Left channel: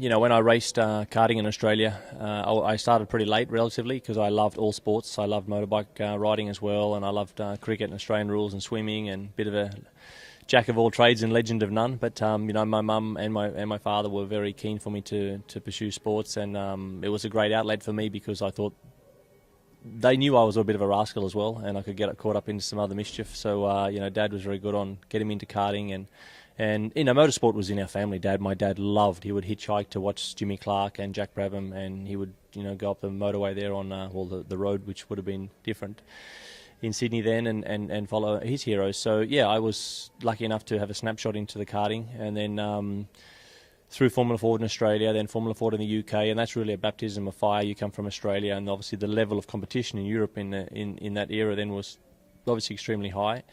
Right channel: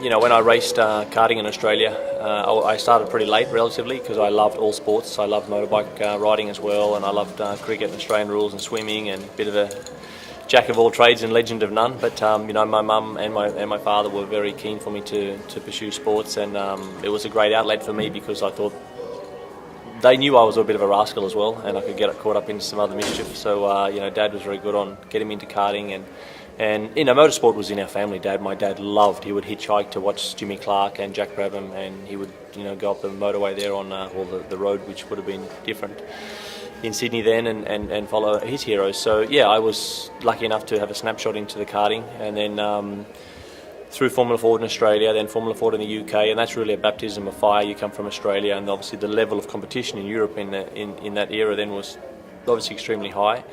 When I raced karting in Australia, I started pretty late, relatively, because I loved all sports. I loved motorbike riding as well, and I loved cricket and Australian rules and swimming, and a bit of a jack of all trades and legend of none. But my mum and my father were very keen for me to pursue sports, and it was a great outlet for me because I thought they knew I was a bit of a rascal as well, and I could get caught up into some other mischief. So Dad was very good on getting me into karting, and motorsport was in our family. My dad loved. He would hitchhike to watch Jimmy Clark and Jack Brabham, and he would go up the motorway there on the road, which would have been different in Sydney then, and follow his heroes. So yeah, I was lucky enough to have a snapshot into the karting, and then through Formula Ford in Australia, then Formula Ford in the UK, and that's really a baptism of fire. You come from Australia, and obviously the level of competition in Europe in that era then was obviously extremely high,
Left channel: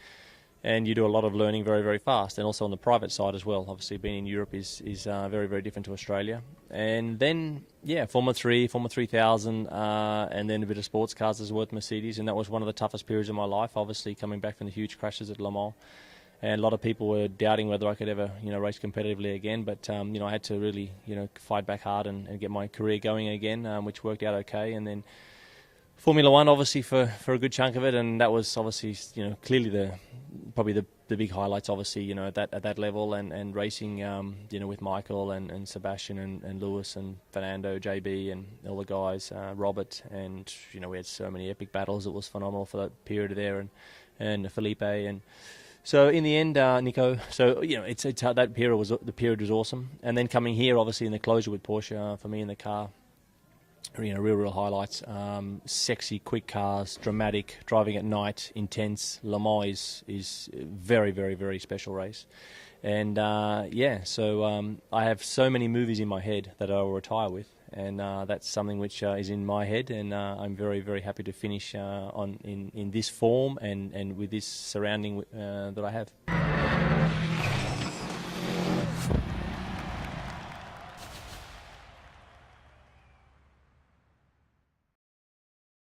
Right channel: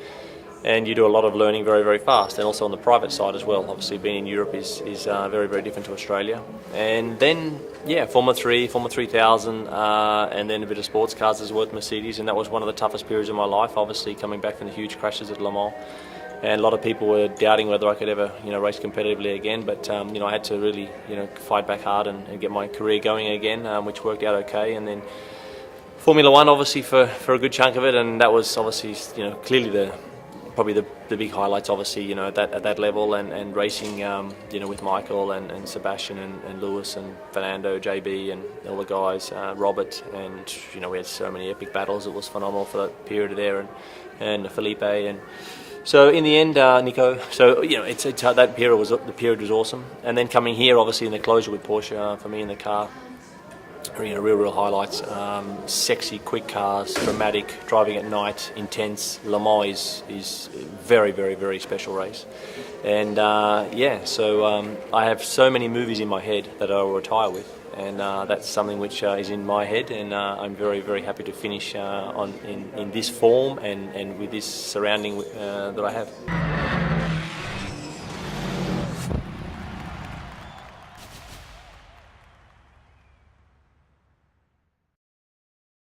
and you do a lot of learning very, very fast, and also on the private side as well. Obviously being in Europe is very, very different to Australia. And then Formula 3, Formula 3000, and then a bit of sports cars as well with Mercedes, and that was one of the toughest periods of my life, obviously coming back from the huge crashes at Le Mans. And a lot of people were doubting whether I could ever, race competitively again. But I had to really, fight back hard and get my career going again, which worked out okay. And then Formula One, obviously, for a good chunk of it, and that was obviously, clearly probably the big highlights. Obviously, at that level, and racing, with Michael and Sebastian and Lewis and Fernando, JB, and all the guys, Robert, and we had so many epic battles. It was phenomenal for that period there, and Felipe and. So in the end, Nico. So it's that period was awesome, and then coming here, obviously in the closure with Porsche, for me in the car, real highlights. Sexy, quick cars, dramatic, driving at night, intense. Le Mans is very, very, very special race, and So I have so many movies in my head that I will retire with. And that's something which is in my head, and I'm very, very happy to finish in this form and with this surrounding that I have.